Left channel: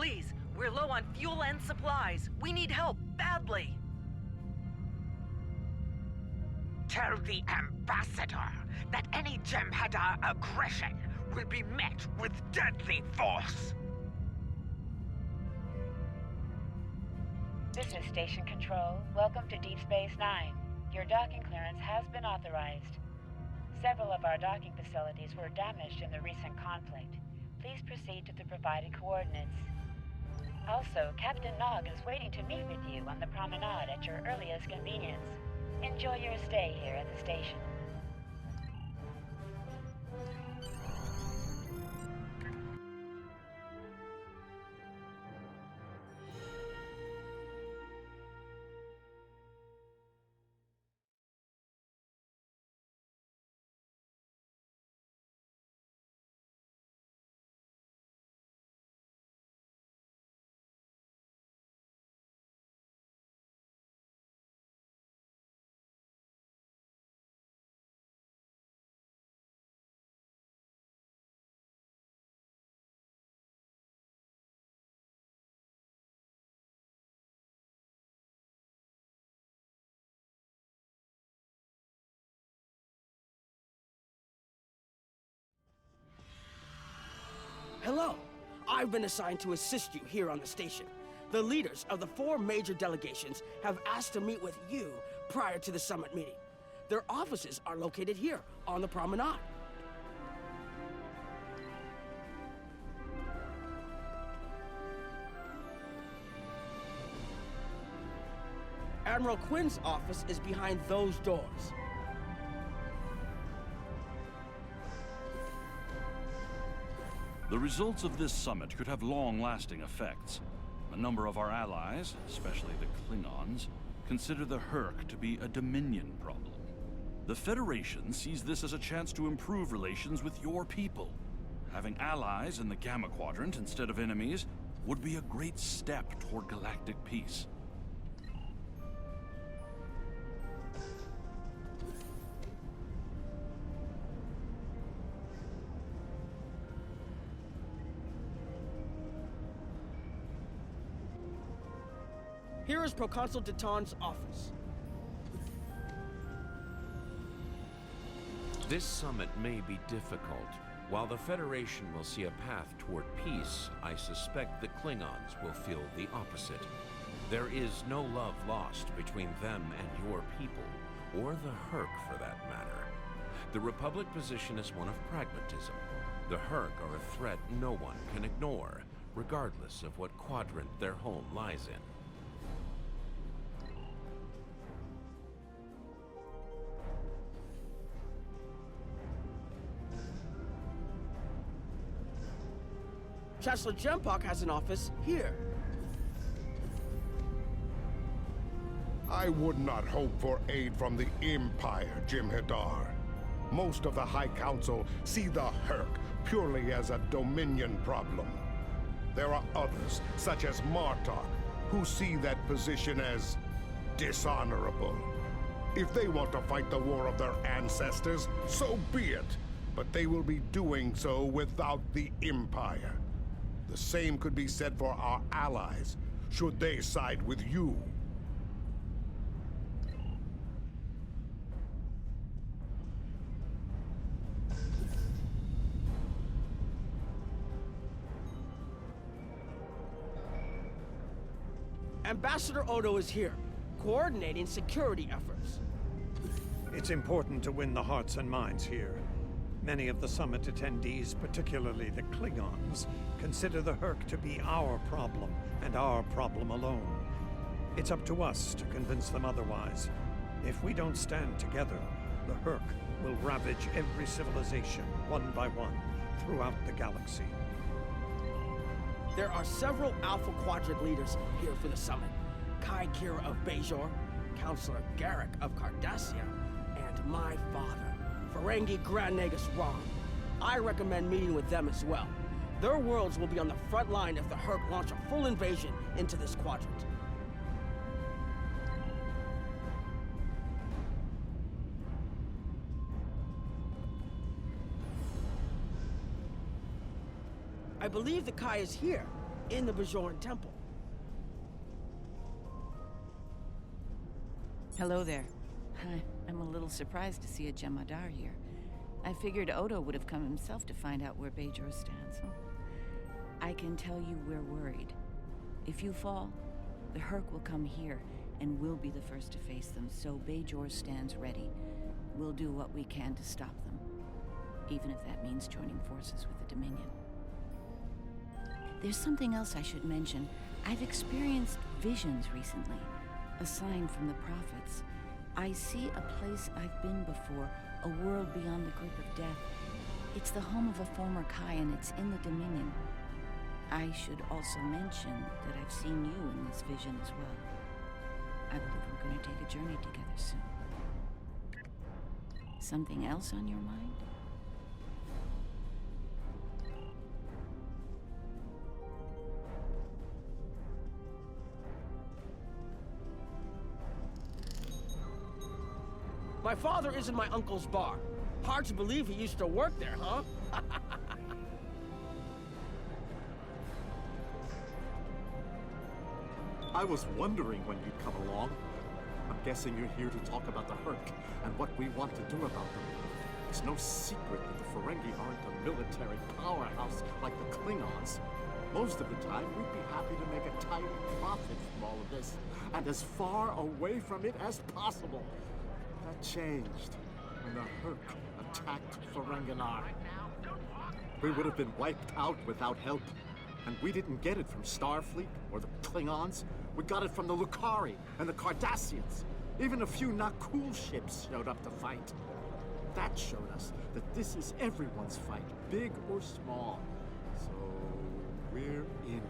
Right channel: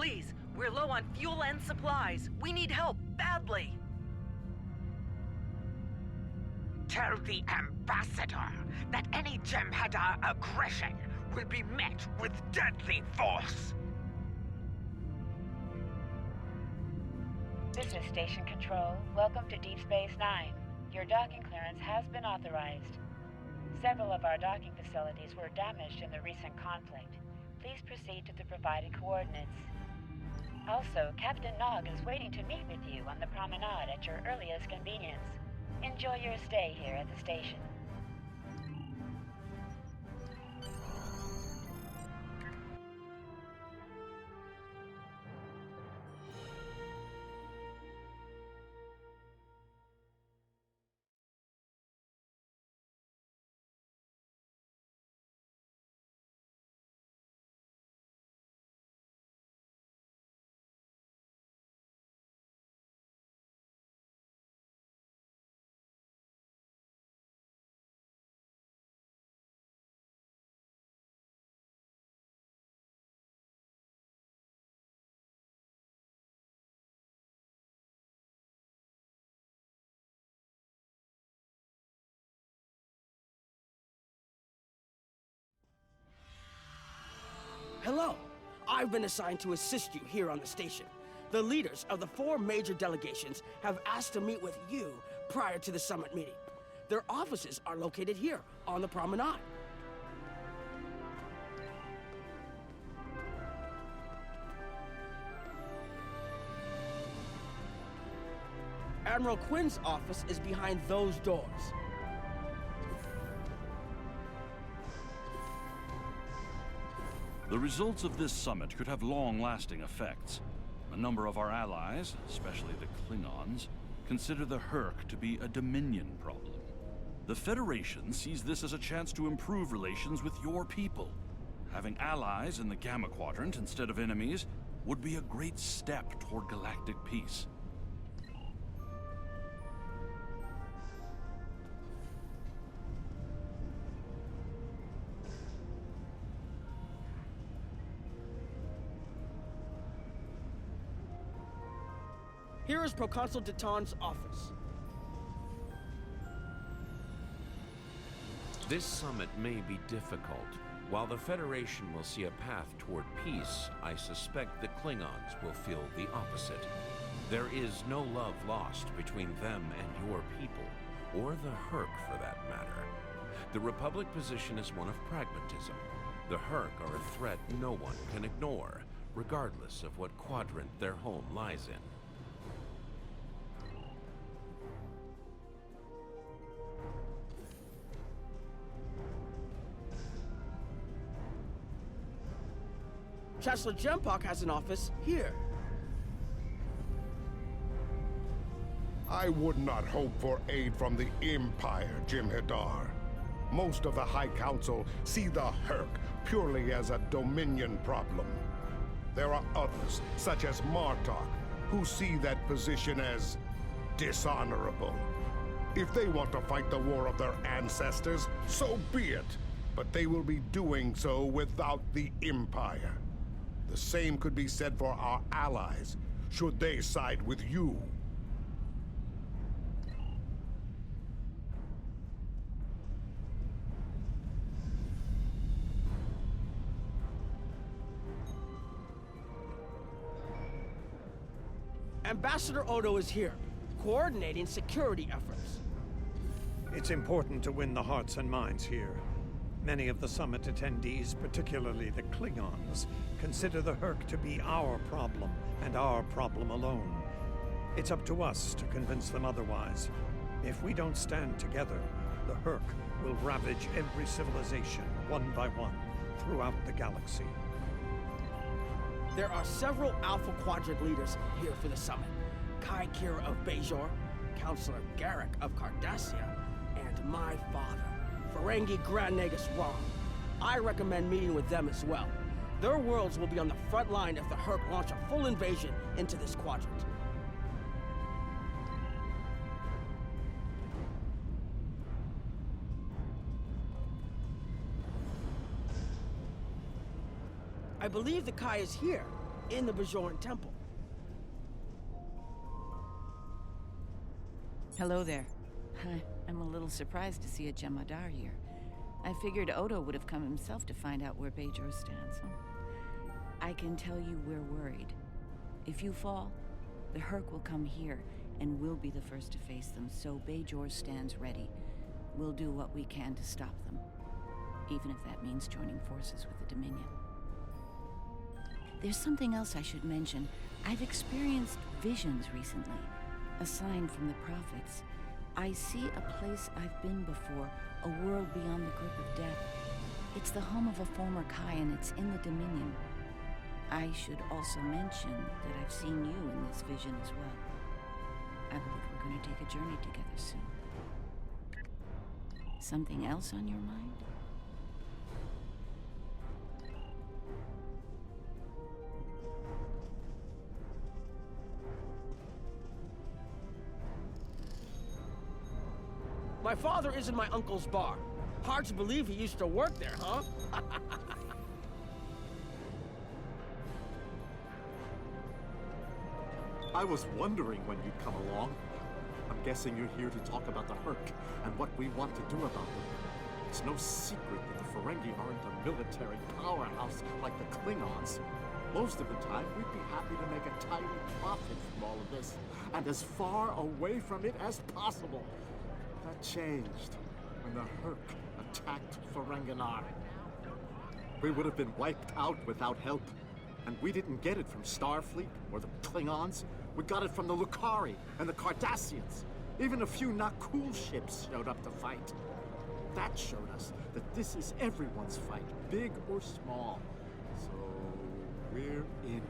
Please, we're low on fuel and supplies. We need help, badly. Tell the Ambassador that any Jem'Hadar aggression will be met with deadly force. This is Station Control. Welcome to Deep Space Nine. Your docking clearance has been authorized. Several of our docking facilities were damaged in the recent conflict. Please proceed to the provided coordinates. Also, Captain Nog is waiting to meet with you on the promenade at your earliest convenience. Enjoy your stay here at the station. Hello. I've been assigned to assist you here on the station. The leaders of the 4 major delegations have asked to meet with you prior to the summit meeting. Their offices are located here on the promenade. Admiral Quinn's office is behind those doors. The results of this summit could have long-lasting effects. A number of our allies, especially the Klingons, consider the Herc to be a Dominion problem. The Federation sees this as a chance to improve relations with your people. Having allies in the Gamma Quadrant instead of enemies would be a great step toward galactic peace. Here is Proconsul Deton's office. This summit may be difficult. While the Federation will see a path toward peace, I suspect the Klingons will feel the opposite. There is no love lost between them and your people, or the Herc for that matter. The Republic position is one of pragmatism. The Herc are a threat no one can ignore, regardless of what quadrant their home lies in. Chancellor Jempok has an office here. I would not hope for aid from the Empire, Jem'Hadar. Most of the High Council see the Herc purely as a Dominion problem. There are others, such as Martok, who see that position as dishonorable. If they want to fight the war of their ancestors, so be it. But they will be doing so without the Empire. The same could be said for our allies, should they side with you. Ambassador Odo is here, coordinating security efforts. It's important to win the hearts and minds here. Many of the summit attendees, particularly the Klingons, consider the Herc to be our problem, and our problem alone. It's up to us to convince them otherwise. If we don't stand together, the Herc will ravage every civilization, one by one, throughout the galaxy. There are several Alpha Quadrant leaders here for the summit. Kai Kira of Bajor, Counselor Garrick of Cardassia, and my father, Ferengi Grand Nagus Rom. I recommend meeting with them as well. Their worlds will be on the front line if the Herc launch a full invasion into this quadrant. I believe the Kai is here. in the Bajoran temple. Hello there. I'm a little surprised to see a Jemadar here. I figured Odo would have come himself to find out where Bajor stands. I can tell you we're worried. If you fall, the Herc will come here, and we'll be the first to face them, so Bajor stands ready. We'll do what we can to stop them, even if that means joining forces with the Dominion. There's something else I should mention. I've experienced visions recently, a sign from the prophets. I see a place I've been before, a world beyond the grip of death. It's the home of a former Kai, and it's in the Dominion. I should also mention that I've seen you in this vision as well. I believe we're going to take a journey together soon. Something else on your mind? My father is in my uncle's bar. Hard to believe he used to work there, huh? I was wondering when you'd come along. I'm guessing you're here to talk about the Herc and what we want to do about them. It's no secret that the Ferengi aren't a military powerhouse like the Klingons. Most of the time, we'd be happy to make a tiny profit from all of this, and as far away from it as possible. That changed when the Herc attacked Ferenginar. We would have been wiped out without help, and we didn't get it from Starfleet or the Klingons. We got it from the Lucari and the Cardassians. Even a few not cool ships showed up to fight. That showed us that this is everyone's fight, big or small. So we're in.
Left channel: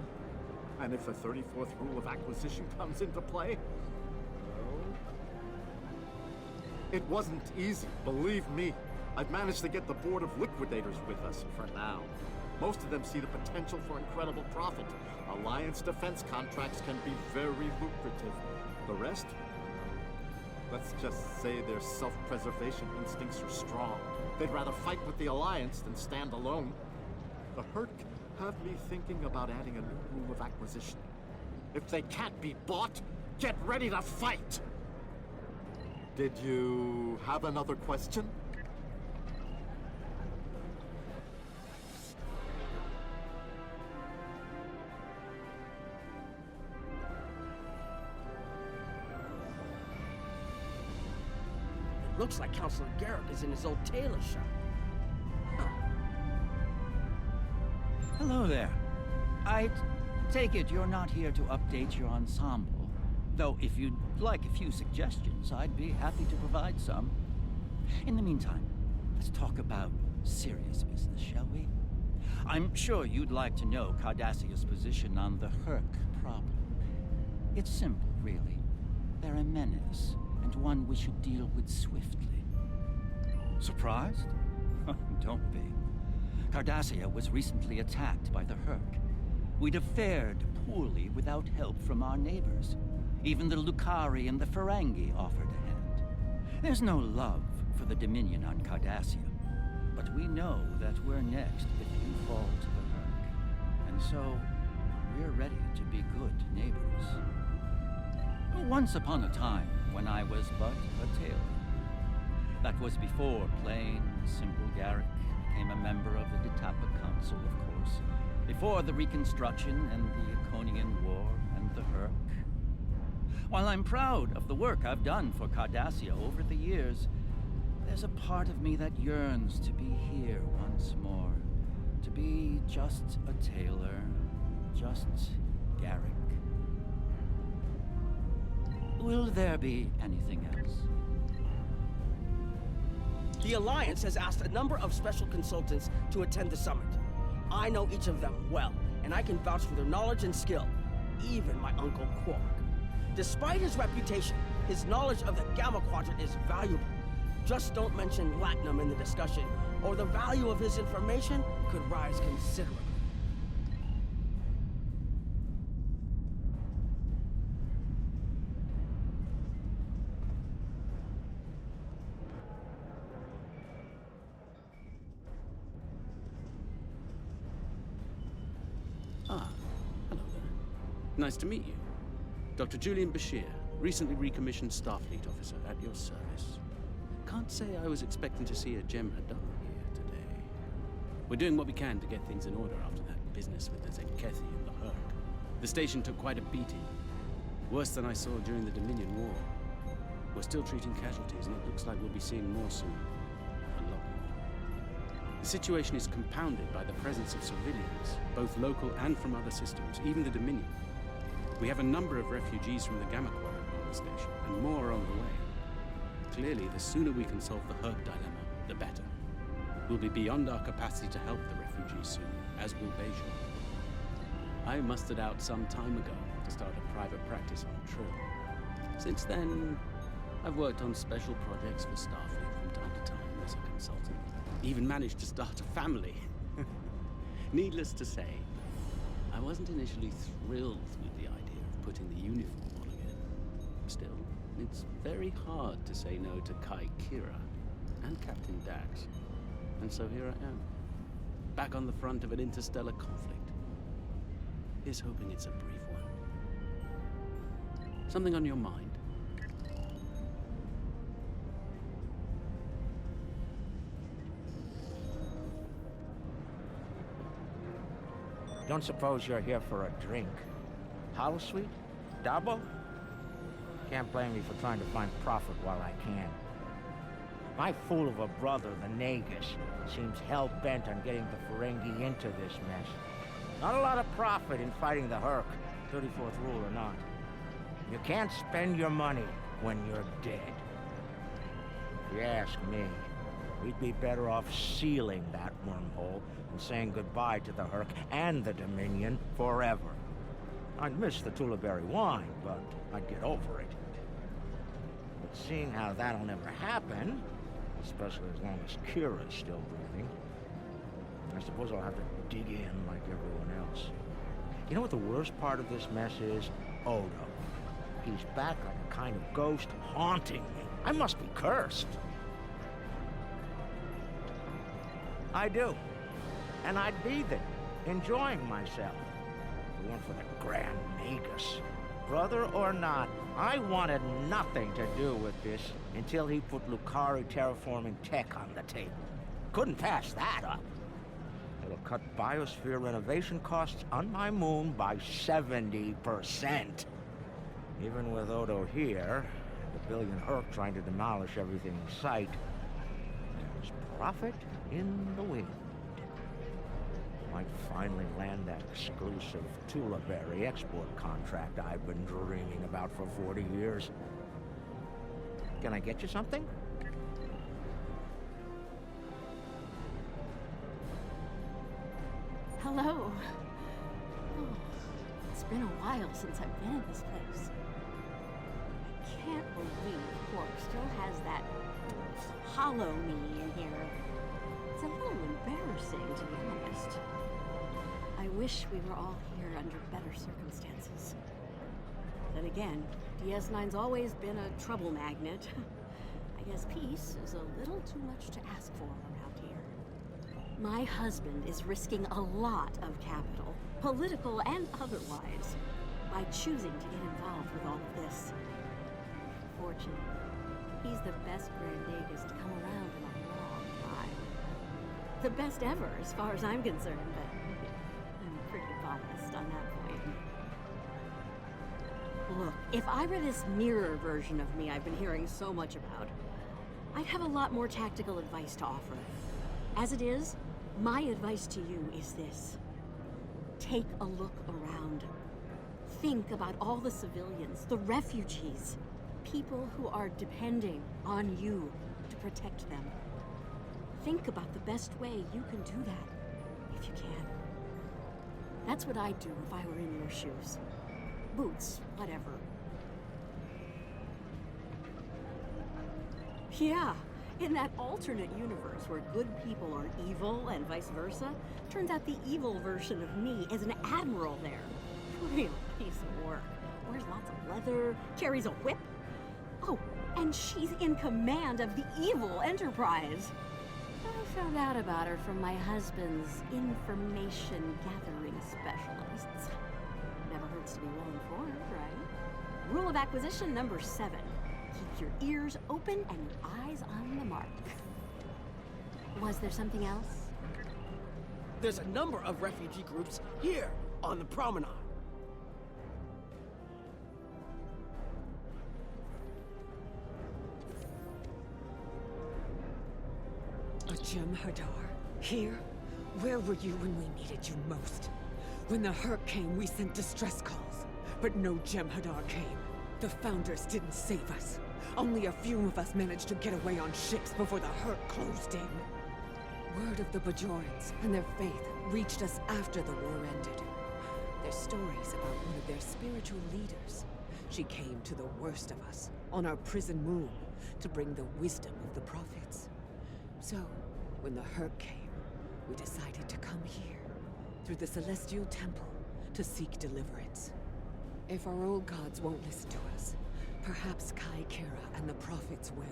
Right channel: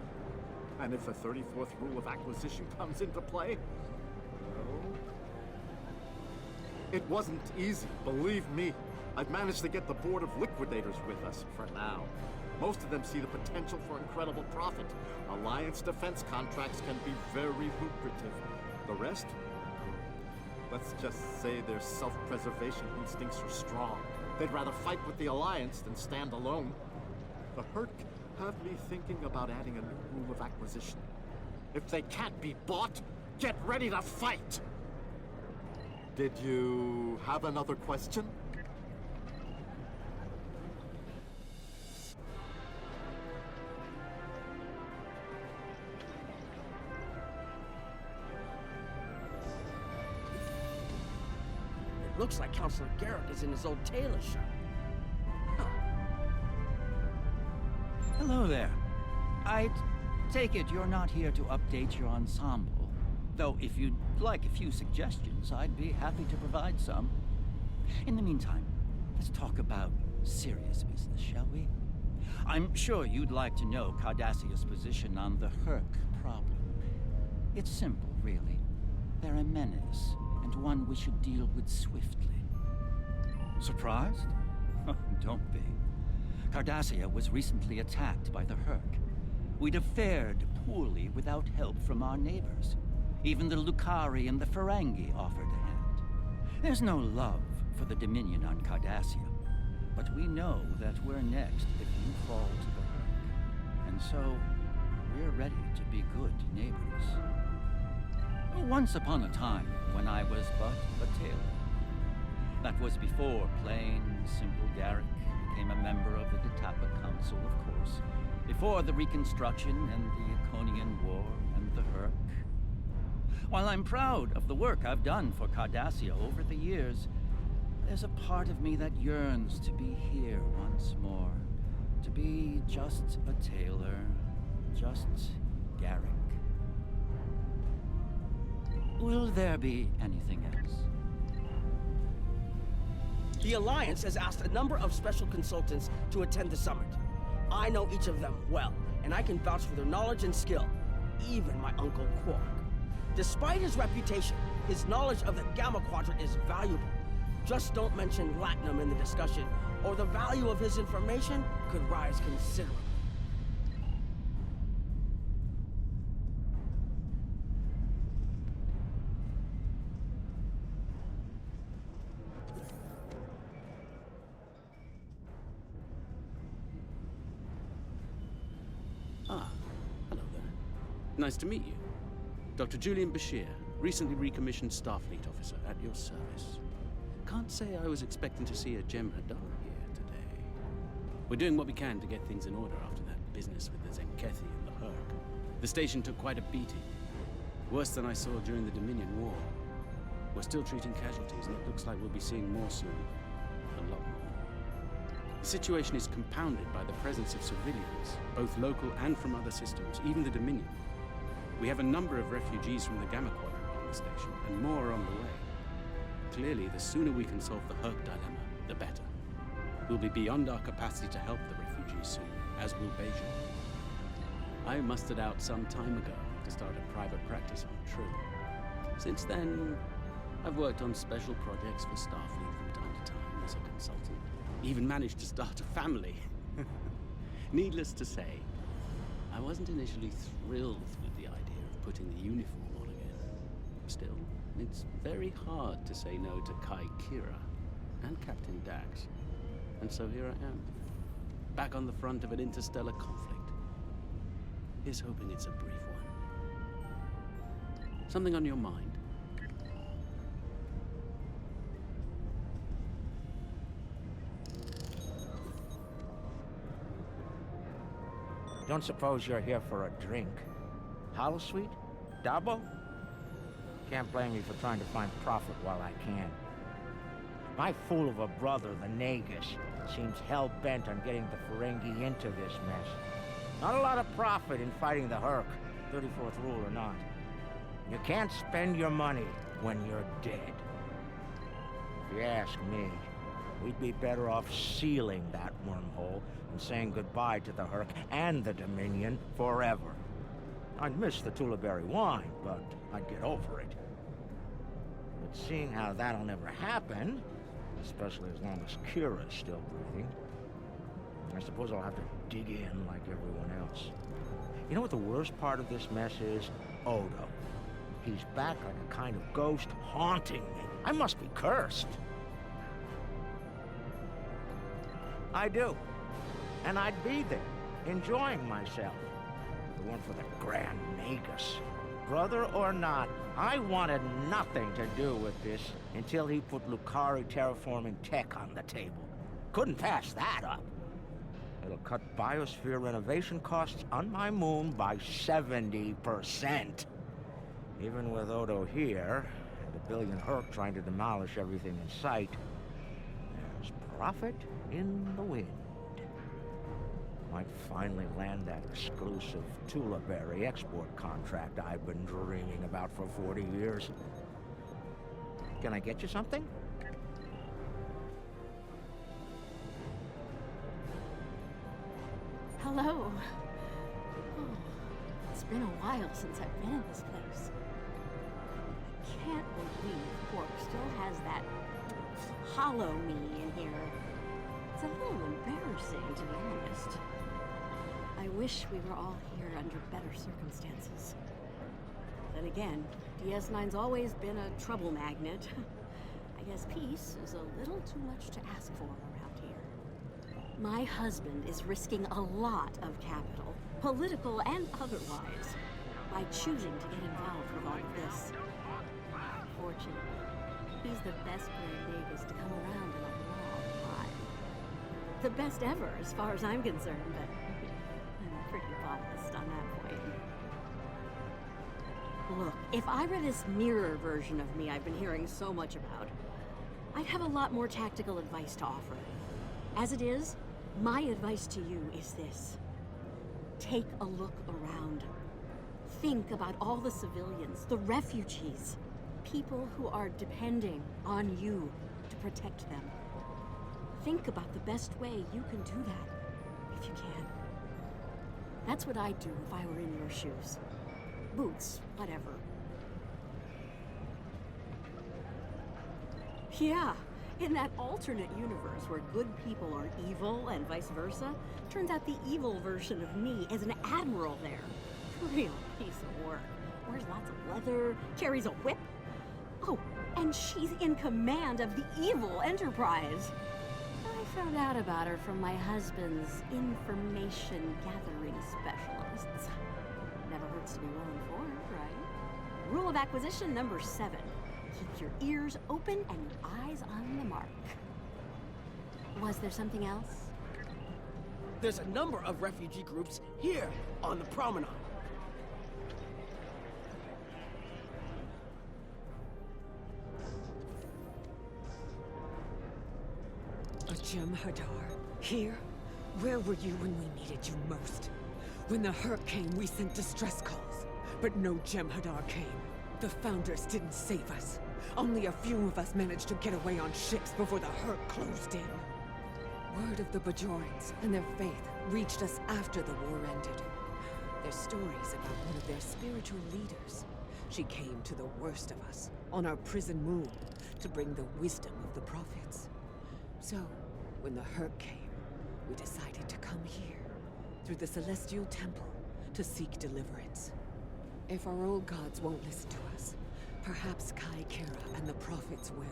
And if the 34th rule of acquisition comes into play, well, it wasn't easy, believe me. I've managed to get the board of liquidators with us for now. Most of them see the potential for incredible profit. Alliance defense contracts can be very lucrative. The rest, let's just say their self-preservation instincts are strong. They'd rather fight with the Alliance than stand alone. The Herc have me thinking about adding a new rule of acquisition. If they can't be bought, get ready to fight! Did you have another question? Looks like Counselor Garrick is in his old tailor shop. Huh. Hello there. I take it you're not here to update your ensemble. Though if you'd like a few suggestions, I'd be happy to provide some. In the meantime, let's talk about serious business, shall we? I'm sure you'd like to know Cardassia's position on the Herc problem. It's simple, really. They're a menace, and one we should deal with swiftly. Surprised? Don't be. Cardassia was recently attacked by the Herc. We'd have fared poorly without help from our neighbors. Even the Lucari and the Ferengi offered a hand. There's no love for the Dominion on Cardassia, but we know that we're next if you fall to the Herc. And so, we're ready to be good neighbors. Once upon a time, when I was but a tailor. That was before plain, simple Garrick became a member of the Ditapa Council, of course. Before the Reconstruction and the Iconian War and the Herc. While I'm proud of the work I've done for Cardassia over the years, there's a part of me that yearns to be here once more. To be just a tailor, just Garrick. Will there be anything else? The Alliance has asked a number of special consultants to attend the summit. I know each of them well, and I can vouch for their knowledge and skill. Even my Uncle Quark. Despite his reputation, his knowledge of the Gamma Quadrant is valuable. Just don't mention Latinum in the discussion, or the value of his information could rise considerably. Ah, hello. Nice to meet you. Dr. Julian Bashir, recently recommissioned Starfleet officer at your service. Can't say I was expecting to see a Gem Hadar here today. We're doing what we can to get things in order after that business with the Zenkethi and the Herc. The station took quite a beating. Worse than I saw during the Dominion War. We're still treating casualties, and it looks like we'll be seeing more soon. A lot more. The situation is compounded by the presence of civilians, both local and from other systems, even the Dominion. We have a number of refugees from the Gamma Quadrant on the station, and more on the way. Clearly, the sooner we can solve the Herc dilemma, the better. We'll be beyond our capacity to help the refugees soon, as will Bajor. I mustered out some time ago to start a private practice on Trill. Since then, I've worked on special projects for Starfleet from time to time as a consultant. Even managed to start a family. Needless to say, I wasn't initially thrilled with the idea of putting the uniform on again. Still, it's very hard to say no to Kai Kira and Captain Dax. And so here I am, back on the front of an interstellar conflict. Here's hoping it's a brief one. Something on your mind? Don't suppose you're here for a drink? Holosuite? Dabo? Can't blame me for trying to find profit while I can. My fool of a brother, the Nagus, seems hell-bent on getting the Ferengi into this mess. Not a lot of profit in fighting the Herc, 34th rule or not. You can't spend your money when you're dead. If you ask me, we'd be better off sealing that wormhole and saying goodbye to the Herc and the Dominion forever. I'd miss the Tulaberry wine, but I'd get over it. But seeing how that'll never happen, especially as long as Kira's still breathing, I suppose I'll have to dig in like everyone else. You know what the worst part of this mess is? Odo. He's back like a kind of ghost haunting me. I must be cursed. I do. And I'd be there, enjoying myself. If it weren't for the Grand Nagus. Brother or not, I wanted nothing to do with this until he put Lucari terraforming tech on the table. Couldn't pass that up. It'll cut biosphere renovation costs on my moon by 70%. Even with Odo here, and a billion Herc trying to demolish everything in sight, there's profit in the wind. Might finally land that exclusive Tulaberry export contract I've been dreaming about for 40 years. Can I get you something? Hello. Oh, it's been a while since I've been in this place. I can't believe Quark still has that hollow me in here. It's a little embarrassing, to be honest. I wish we were all here under better circumstances. Then again, DS9's always been a trouble magnet. I guess peace is a little too much to ask for around here. My husband is risking a lot of capital, political and otherwise, by choosing to get involved with all of this. Fortunately, he's the best Grand Nagus to come around in a long time. The best ever, as far as I'm concerned, but I'm pretty biased on that point. Look, if I were this mirror version of me I've been hearing so much about, I'd have a lot more tactical advice to offer. As it is, my advice to you is this. Take a look around. Think about all the civilians, the refugees, people who are depending on you to protect them. Think about the best way you can do that, if you can. That's what I'd do if I were in your shoes. Boots, whatever. Yeah, in that alternate universe where good people are evil and vice versa, turns out the evil version of me is an admiral there. Real piece of work. Wears lots of leather, carries a whip. Oh, and she's in command of the evil Enterprise. I found out about her from my husband's information gathering specialists. Never hurts to be well informed, right? Rule of acquisition number 7. Keep your ears open and your eyes on the mark. Was there something else? There's a number of refugee groups here on the promenade. A Jem'Hadar? Here? Where were you when we needed you most? When the Hurk came, we sent distress calls. But no Jem'Hadar came. The Founders didn't save us. Only a few of us managed to get away on ships before the Hurk closed in. Word of the Bajorans and their faith reached us after the war ended. Their stories about one of their spiritual leaders. She came to the worst of us, on our prison moon, to bring the wisdom of the prophets. So, when the Hurk came, we decided to come here, through the Celestial Temple, to seek deliverance. If our old gods won't listen to us, perhaps Kai Kira and the prophets will.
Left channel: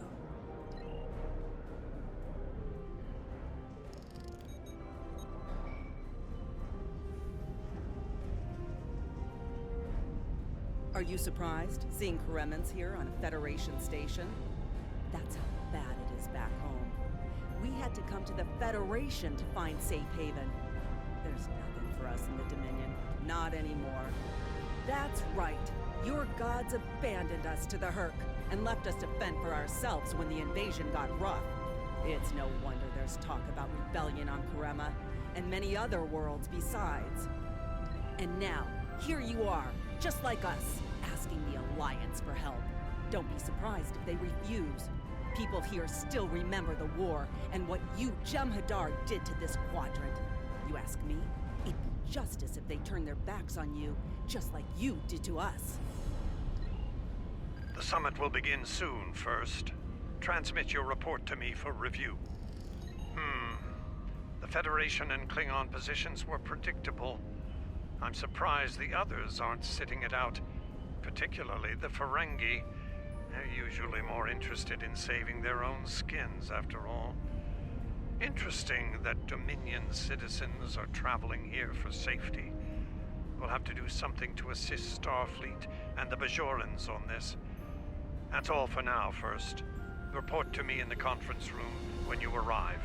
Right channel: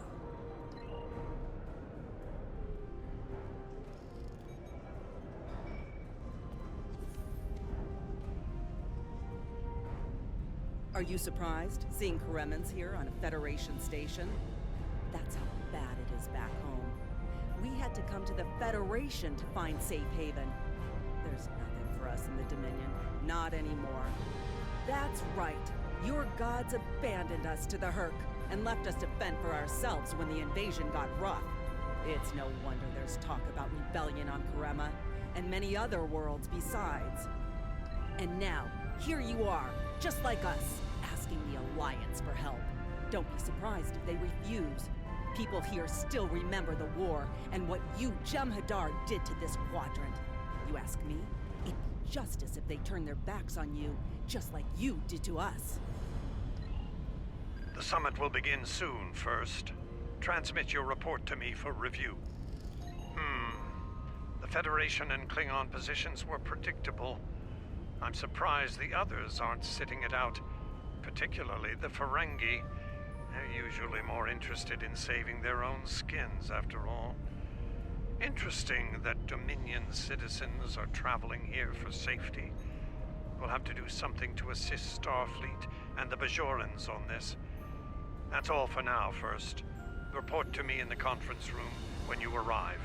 Are you surprised, seeing Karemans here on a Federation station? That's how bad it is back home. We had to come to the Federation to find safe haven. There's nothing for us in the Dominion, not anymore. That's right. Your gods abandoned us to the Hurk and left us to fend for ourselves when the invasion got rough. It's no wonder there's talk about rebellion on Karema, and many other worlds besides. And now, here you are, just like us, asking the Alliance for help. Don't be surprised if they refuse. People here still remember the war and what you Jem'Hadar did to this quadrant. You ask me, it'd be justice if they turned their backs on you, just like you did to us. The summit will begin soon, First. Transmit your report to me for review. The Federation and Klingon positions were predictable. I'm surprised the others aren't sitting it out, particularly the Ferengi. They're usually more interested in saving their own skins, after all. Interesting that Dominion citizens are traveling here for safety. We'll have to do something to assist Starfleet and the Bajorans on this. That's all for now, First. Report to me in the conference room when you arrive.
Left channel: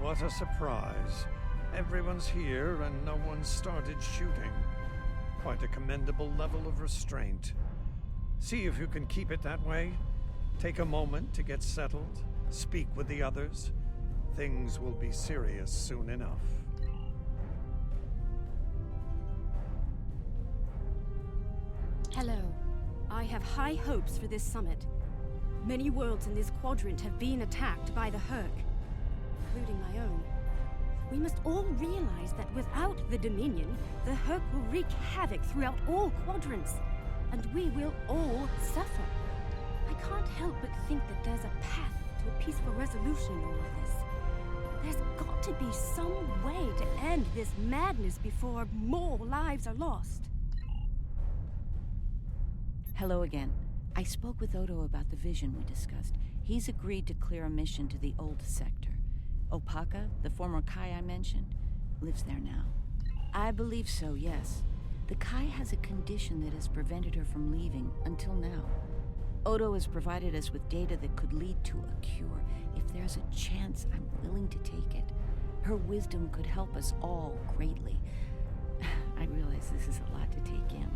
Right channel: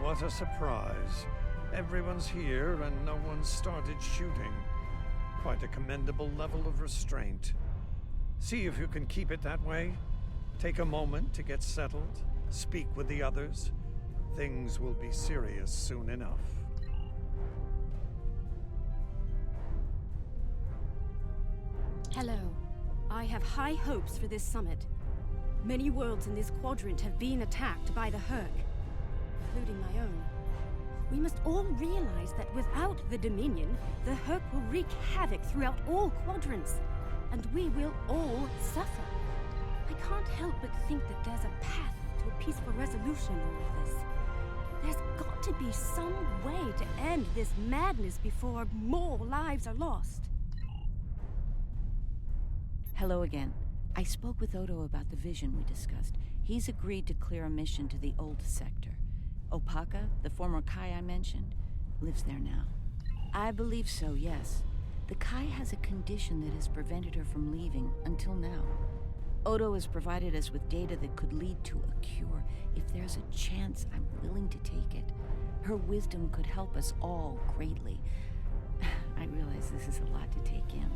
What a surprise. Everyone's here and no one started shooting. Quite a commendable level of restraint. See if you can keep it that way. Take a moment to get settled. Speak with the others. Things will be serious soon enough. Hello. I have high hopes for this summit. Many worlds in this quadrant have been attacked by the Hurk, including my own. We must all realize that without the Dominion, the Hurk will wreak havoc throughout all quadrants, and we will all suffer. I can't help but think that there's a path to a peaceful resolution in all of this. There's got to be some way to end this madness before more lives are lost. Hello again. I spoke with Odo about the vision we discussed. He's agreed to clear a mission to the old sector. Opaka, the former Kai I mentioned, lives there now. I believe so, yes. The Kai has a condition that has prevented her from leaving until now. Odo has provided us with data that could lead to a cure. If there's a chance, I'm willing to take it. Her wisdom could help us all greatly. I realize this is a lot to take in,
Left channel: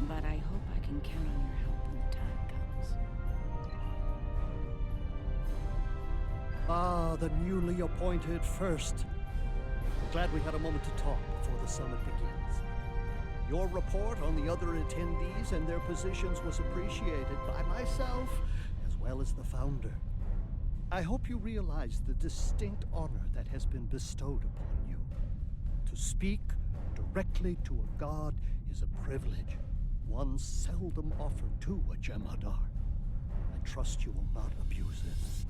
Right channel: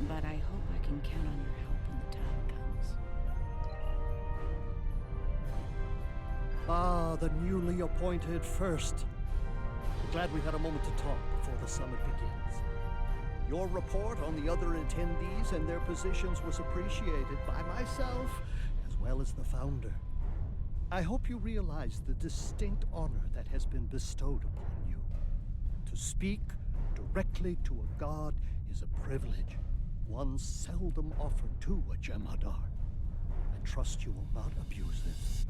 but I hope I can count on your help when the time comes. Ah, the newly appointed First. Glad we had a moment to talk before the summit begins. Your report on the other attendees and their positions was appreciated by myself as well as the Founder. I hope you realize the distinct honor that has been bestowed upon you. To speak directly to a god is a privilege, one seldom offered to a Jem'Hadar. I trust you will not abuse this.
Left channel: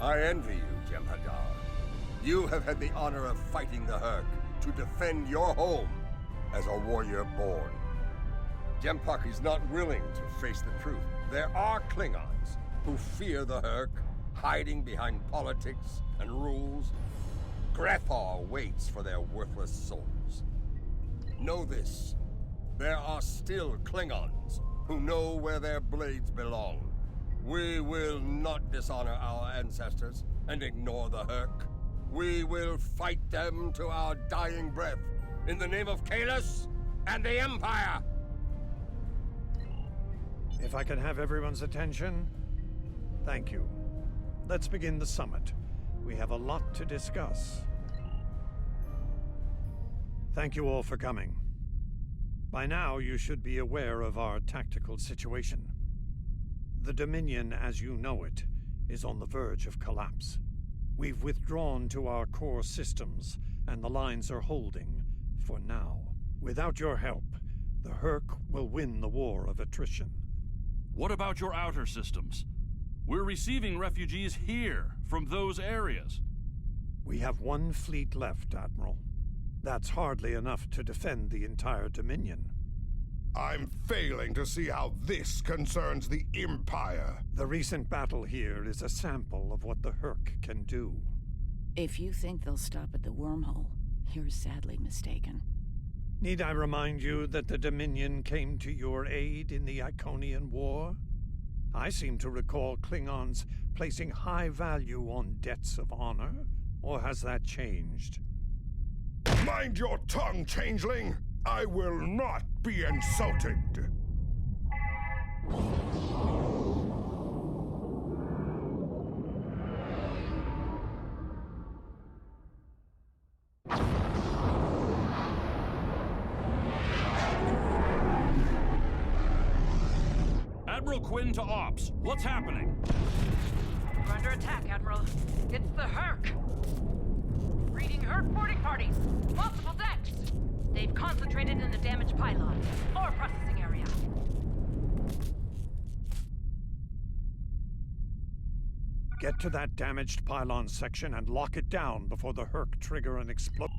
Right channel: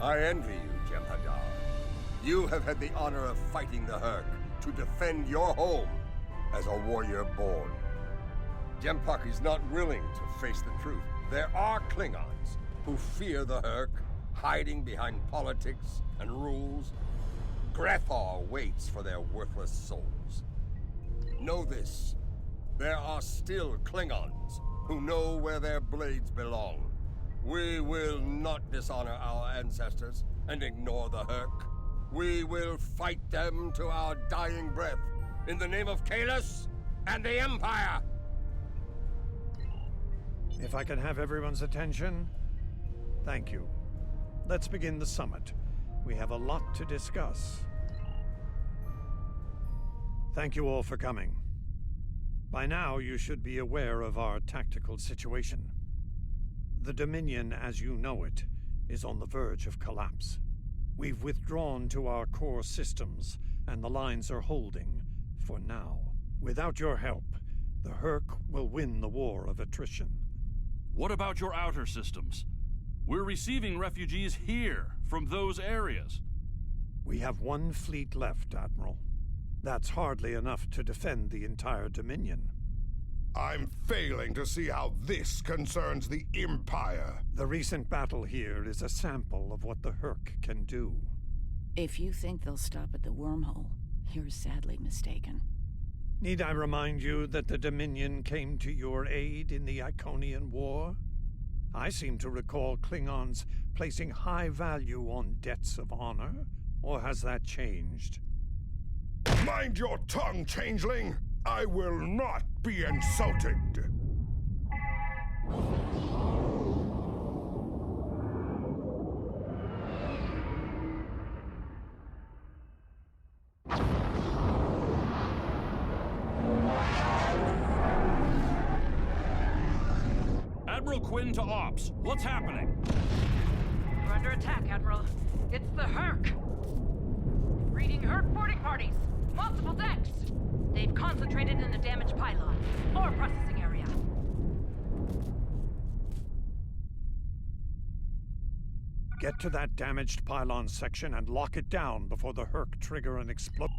I envy you, Jem'Hadar. You have had the honor of fighting the Hurk, to defend your home as a warrior born. Jempak is not willing to face the truth. There are Klingons who fear the Herc, hiding behind politics and rules. Grethar waits for their worthless souls. Know this. There are still Klingons who know where their blades belong. We will not dishonor our ancestors and ignore the Herc. We will fight them to our dying breath in the name of Kahless and the Empire! If I can have everyone's attention, thank you. Let's begin the summit. We have a lot to discuss. Thank you all for coming. By now, you should be aware of our tactical situation. The Dominion, as you know it, is on the verge of collapse. We've withdrawn to our core systems, and the lines are holding, for now. Without your help, the Herc will win the war of attrition. What about your outer systems? We're receiving refugees here, from those areas. We have one fleet left, Admiral. That's hardly enough to defend the entire Dominion. I'm failing to see how this concerns the Empire. The recent battle here is a sample of what the Herc can do. If you think they'll stop at the wormhole, you're sadly mistaken. Need I remind you that the Dominion came to your aid in the Iconian War? I seem to recall Klingons placing high value on debts of honor, or has that changed? Mind your tongue, changeling! I will not be insulted! Admiral Quinn to Ops. What's happening? We're under attack, Admiral. It's the Herc. Reading Herc boarding parties. Multiple decks. They've concentrated in the damaged pylon. Ore processing area. Get to that damaged pylon section and lock it down before the Herc trigger an explosion.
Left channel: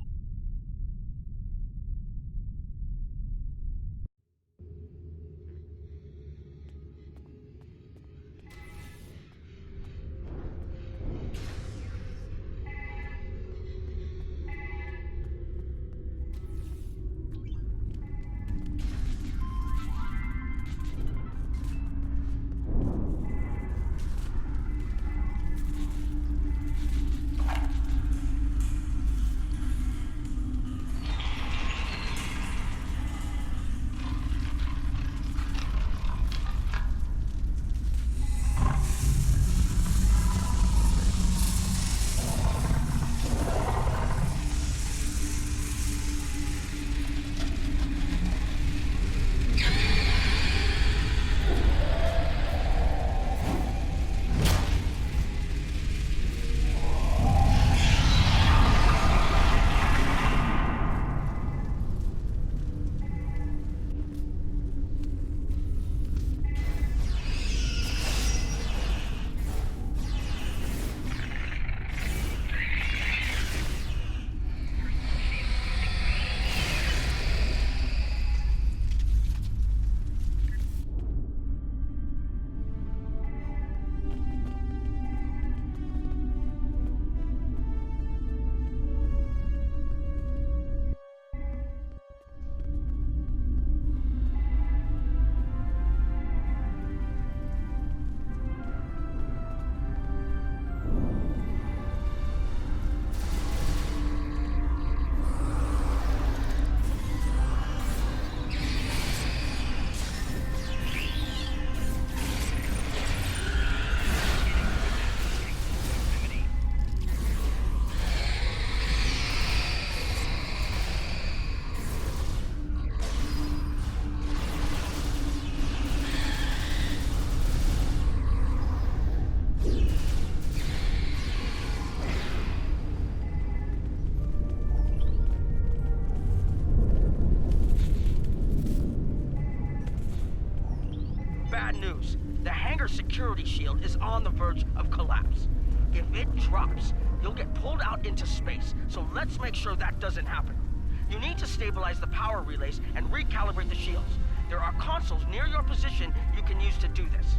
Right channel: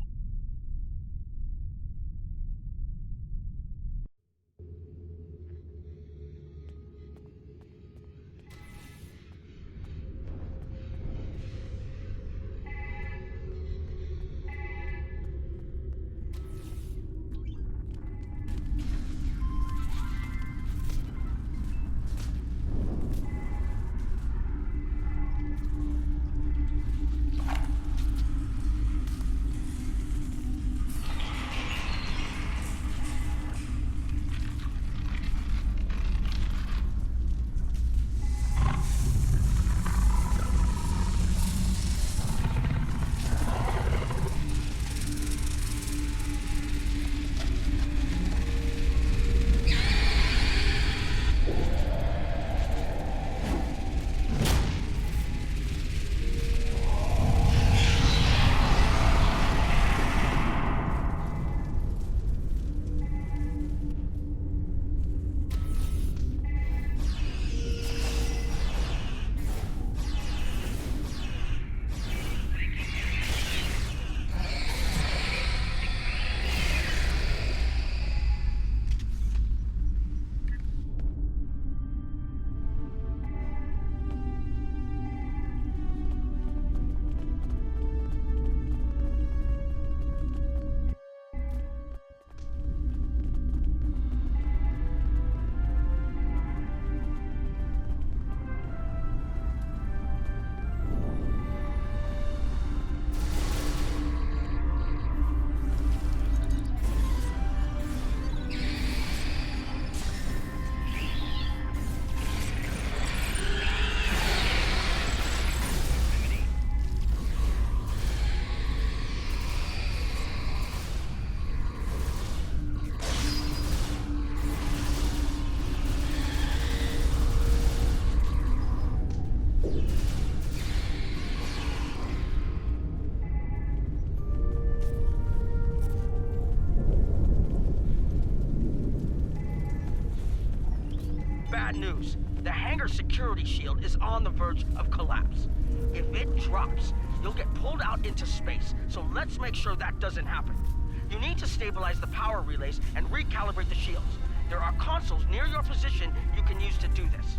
Bad news. The hangar security shield is on the verge of collapse. If it drops, you'll get pulled out into space, so let's make sure that doesn't happen. You need to stabilize the power relays and recalibrate the shields. There are consoles near your position you can use to do this.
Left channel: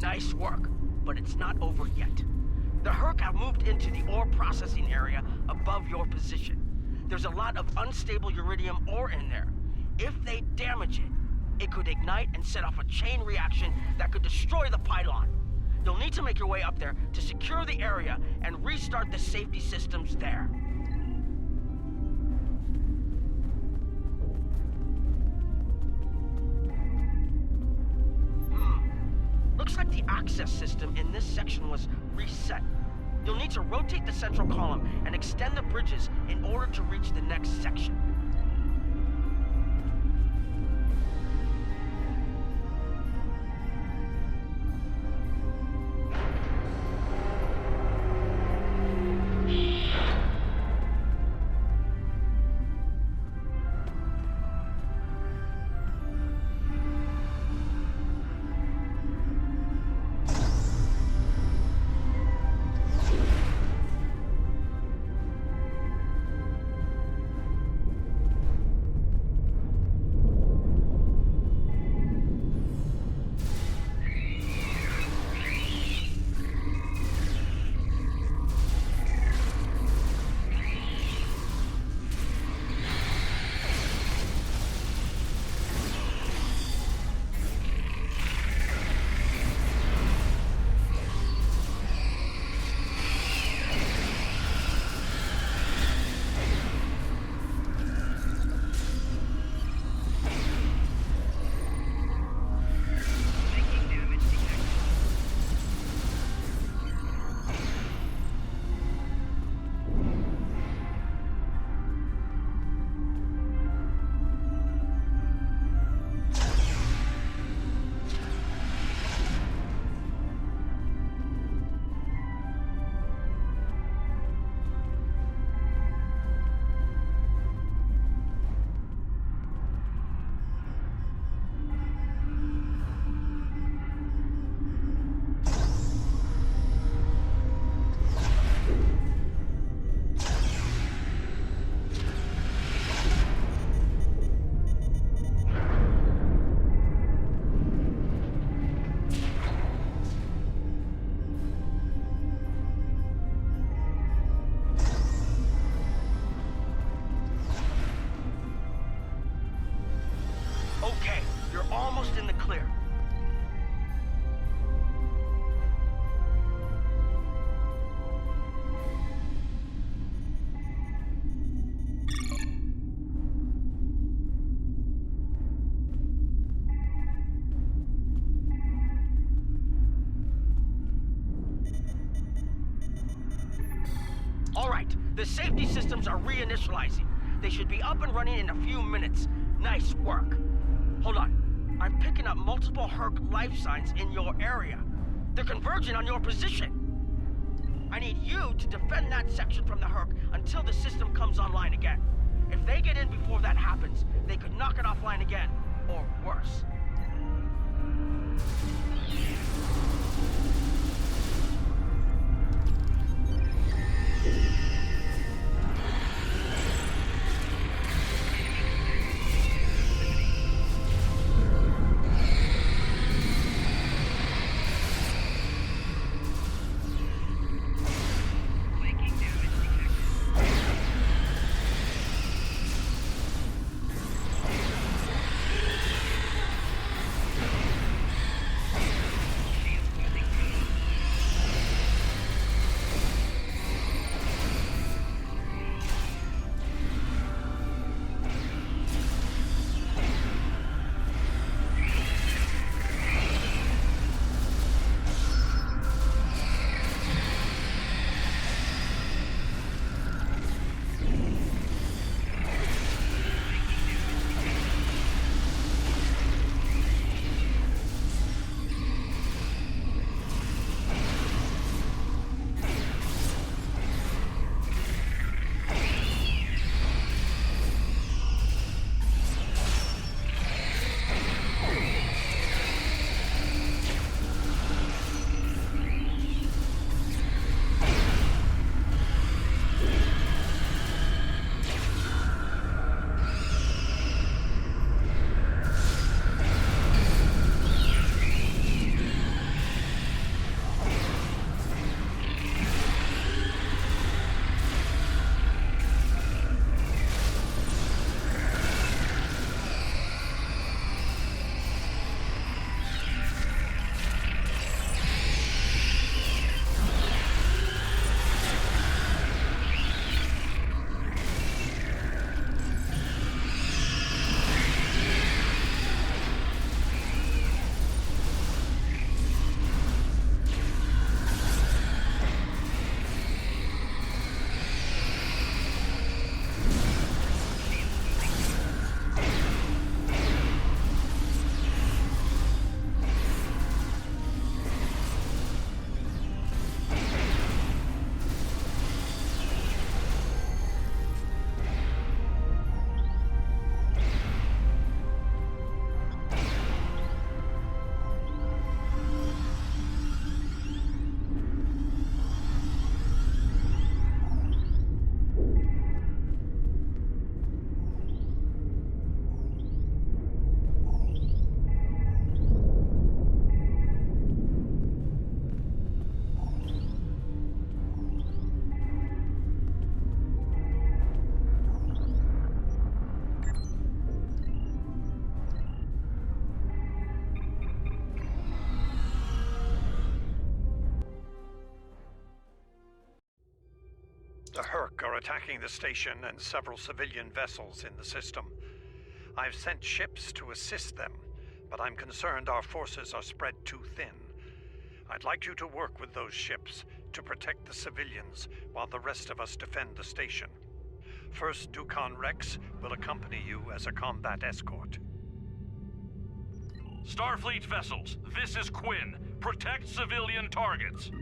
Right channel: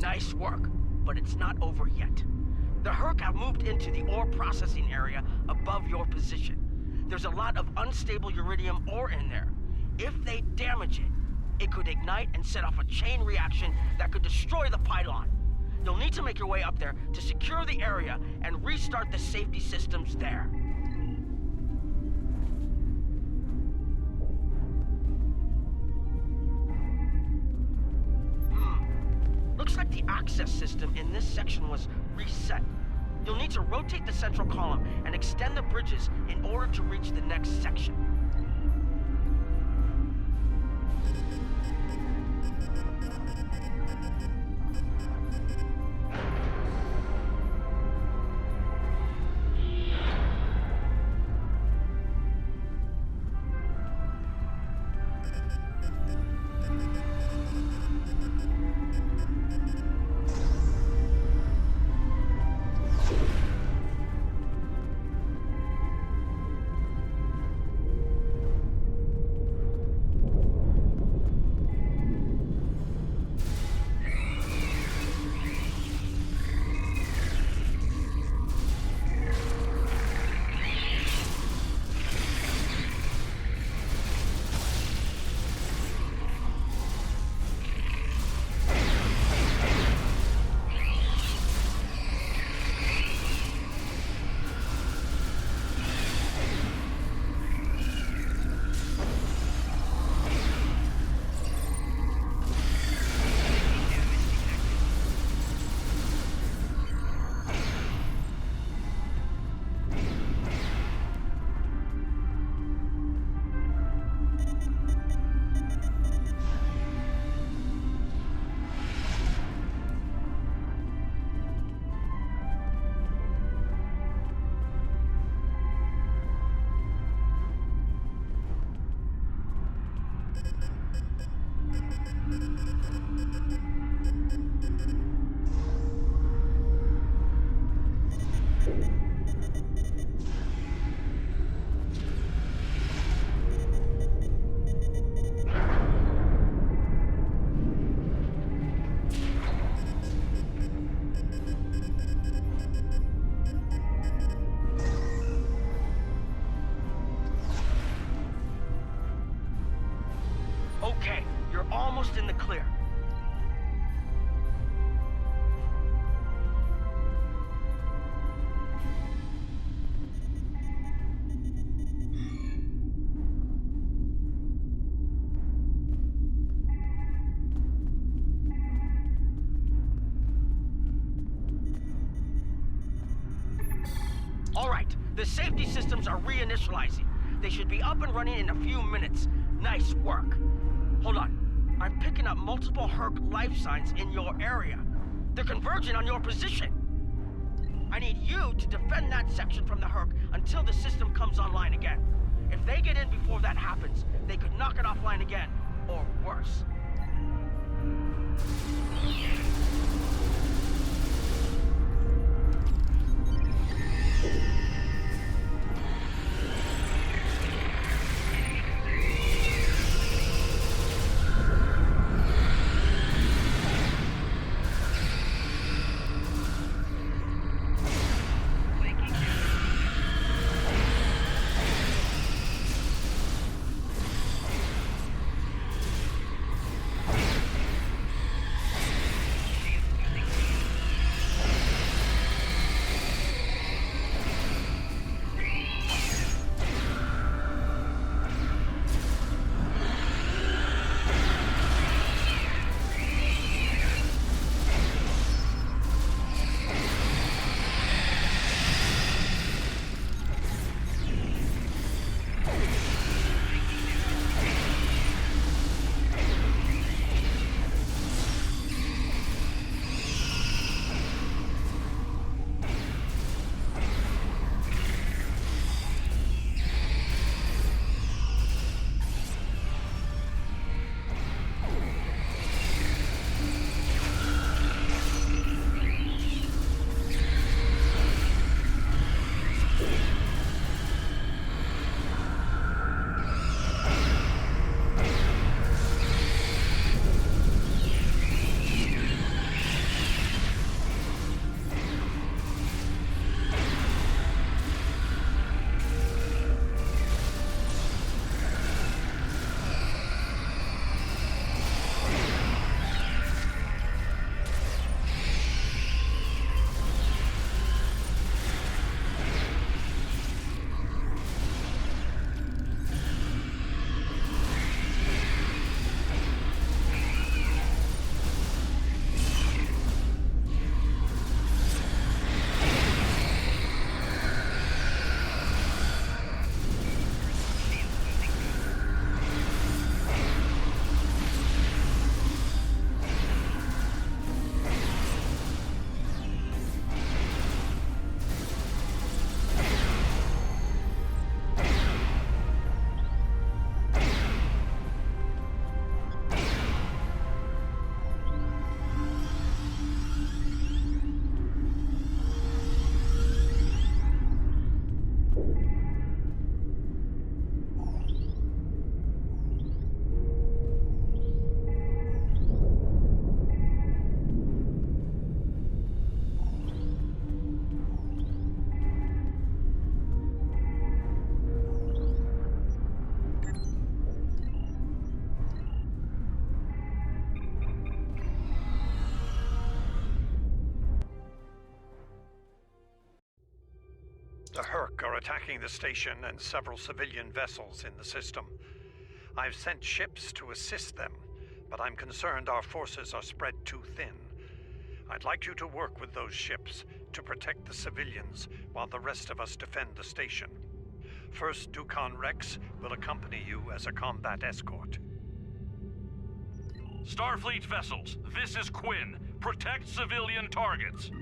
Nice work, but it's not over yet. The Herc have moved into the ore processing area above your position. There's a lot of unstable uridium ore in there. If they damage it, it could ignite and set off a chain reaction that could destroy the pylon. You'll need to make your way up there to secure the area and restart the safety systems there. Looks like the access system in this section was reset. You'll need to rotate the central column and extend the bridges in order to reach the next section. Okay, you're almost in the clear. All right, the safety systems are reinitializing. They should be up and running in a few minutes. Nice work. Hold on. I'm picking up multiple Herc life signs in your area. They're converging on your position. I need you to defend that section from the Herc until the system comes online again. If they get in before that happens, they could knock it offline again, or worse. The Herc are attacking the station and several civilian vessels in the system. I've sent ships to assist them, but I'm concerned our forces are spread too thin. I'd like you to work with those ships to protect the civilians while the rest of us defend the station. First Dukan Rex will accompany you as a combat escort. Starfleet vessels, this is Quinn. Protect civilian targets.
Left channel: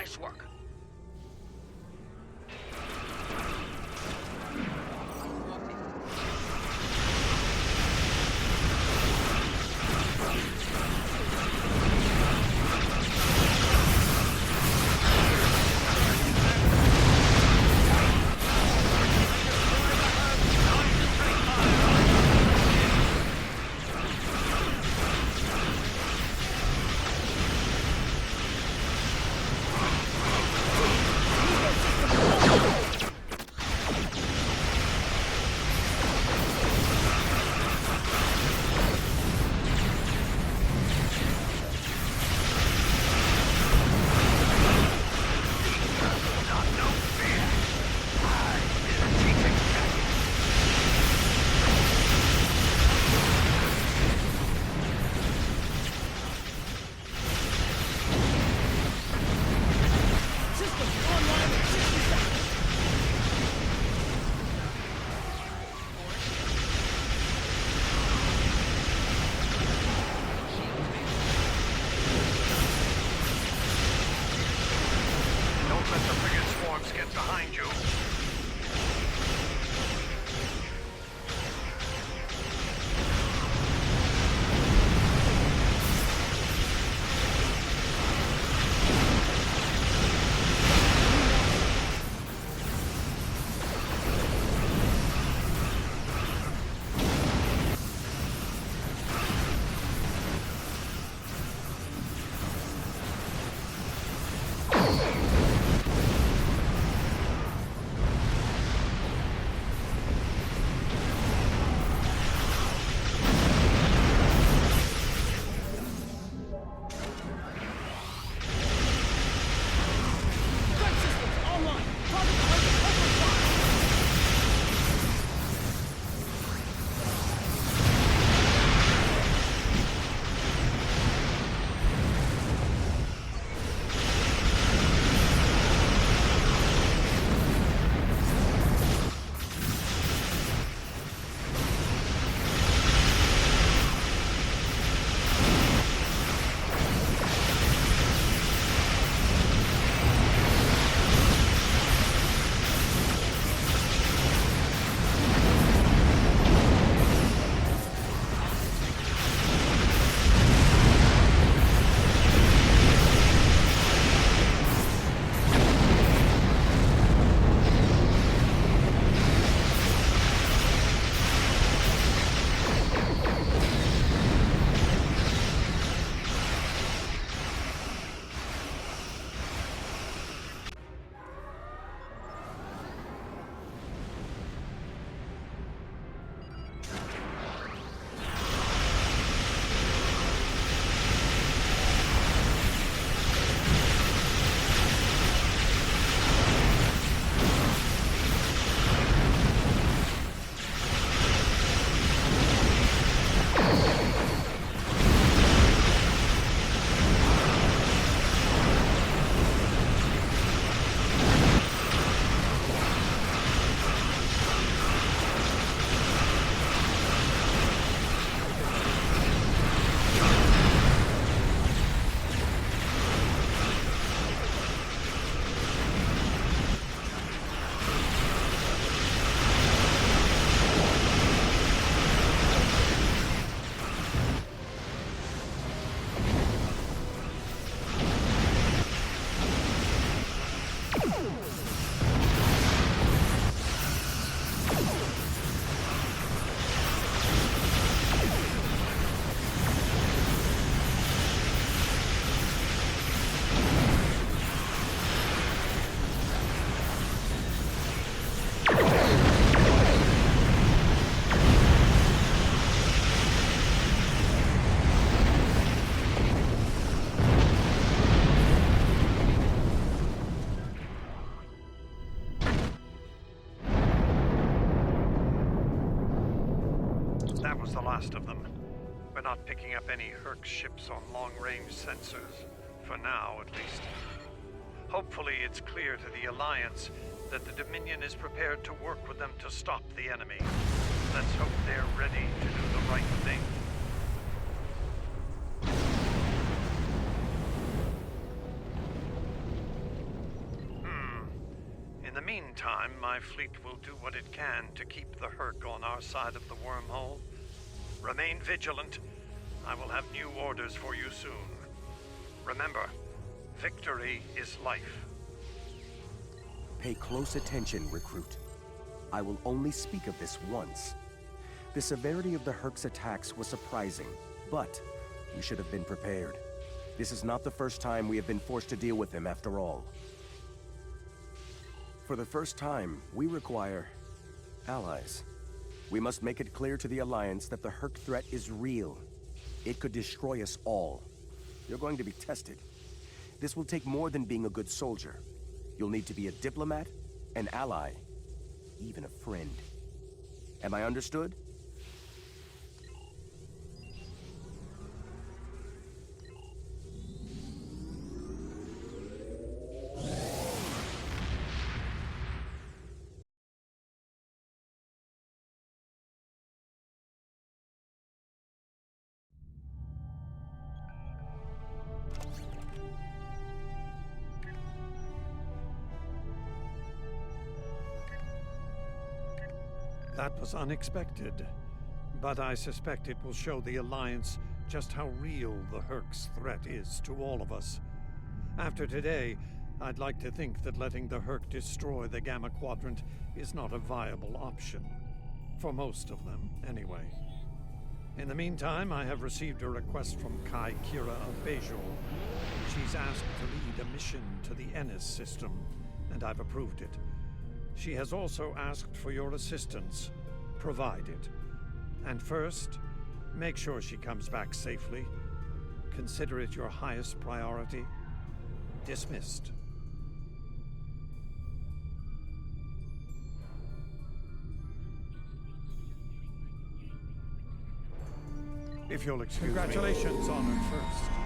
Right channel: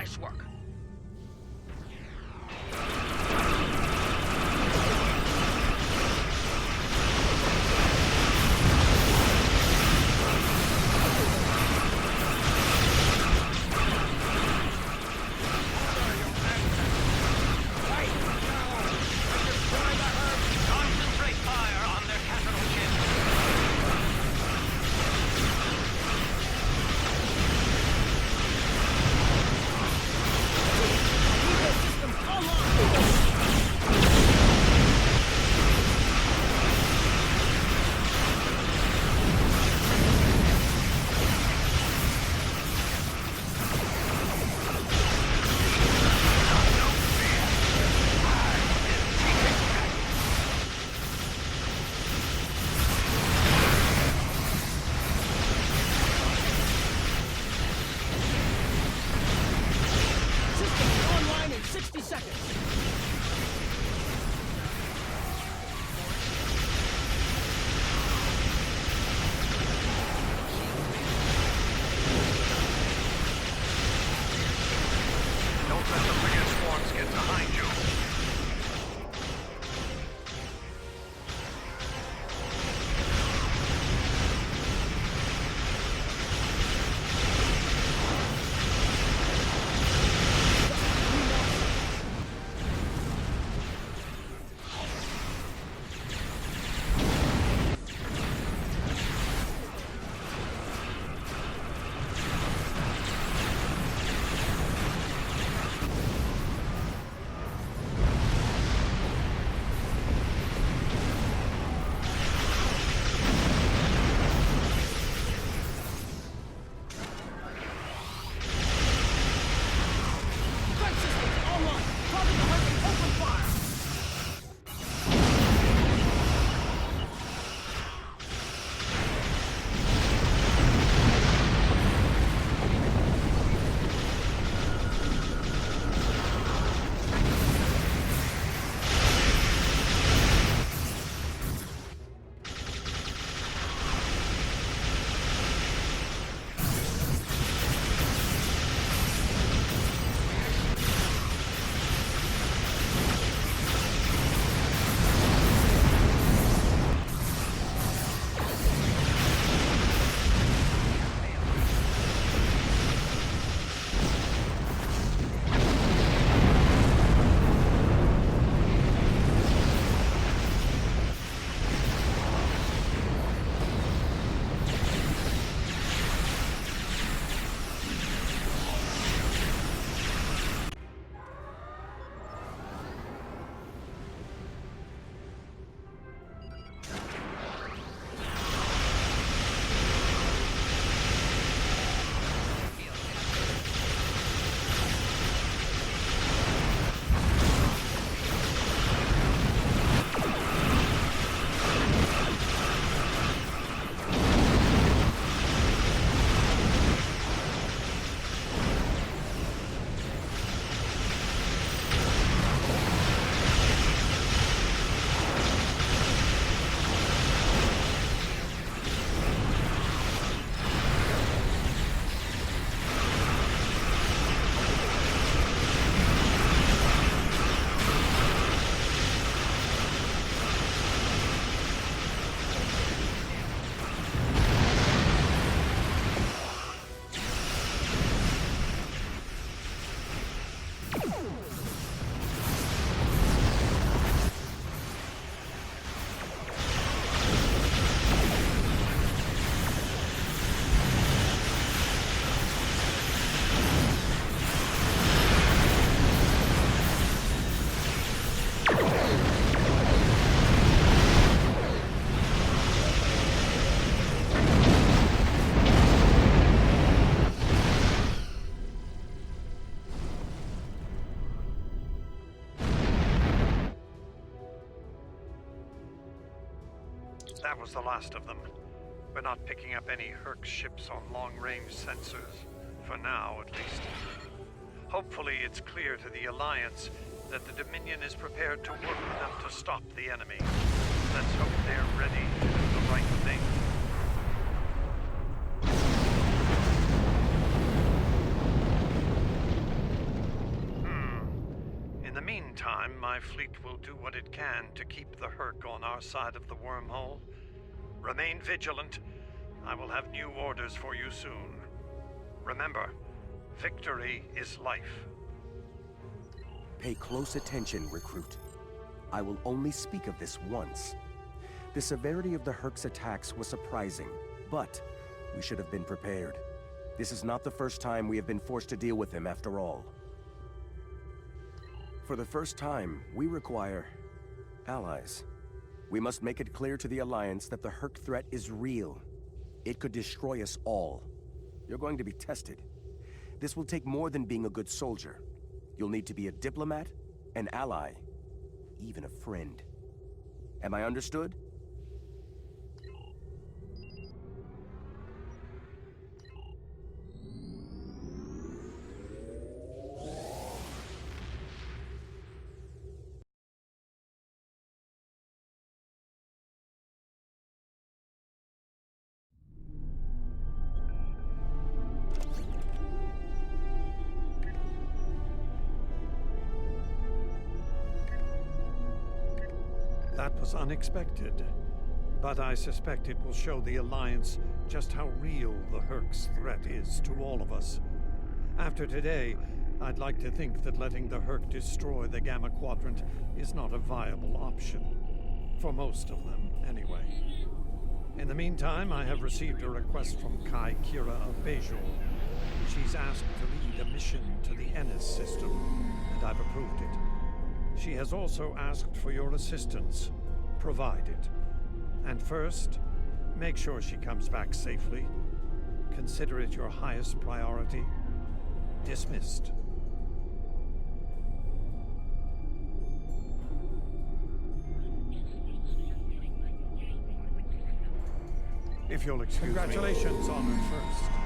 Nice work. That was the last of them. We're not picking up any Herc ships on long-range sensors. For now, at least. Hopefully it's clear to the Alliance that the Dominion is prepared to work with them to stop the enemy. Let's hope they're ready to do the right thing. In the meantime, my fleet will do what it can to keep the Herc on our side of the wormhole. Remain vigilant. I will have new orders for you soon. Remember, victory is life. Pay close attention, recruit. I will only speak of this once. The severity of the Herc's attacks was surprising, but we should have been prepared. This is not the first time we have been forced to deal with him, after all. For the first time, we require allies. We must make it clear to the Alliance that the Herc threat is real. It could destroy us all. You're going to be tested. This will take more than being a good soldier. You'll need to be a diplomat, an ally, even a friend. Am I understood? That was unexpected, but I suspect it will show the Alliance just how real the Herc's threat is to all of us. After today, I'd like to think that letting the Herc destroy the Gamma Quadrant is not a viable option. For most of them, anyway. In the meantime, I have received a request from Kai Kira of Bejor. She's asked to lead a mission to the Ennis system, and I've approved it. She has also asked for your assistance. Provide it. And first, make sure she comes back safely. Consider it your highest priority. Dismissed. If you'll excuse me. Congratulations, Honored First.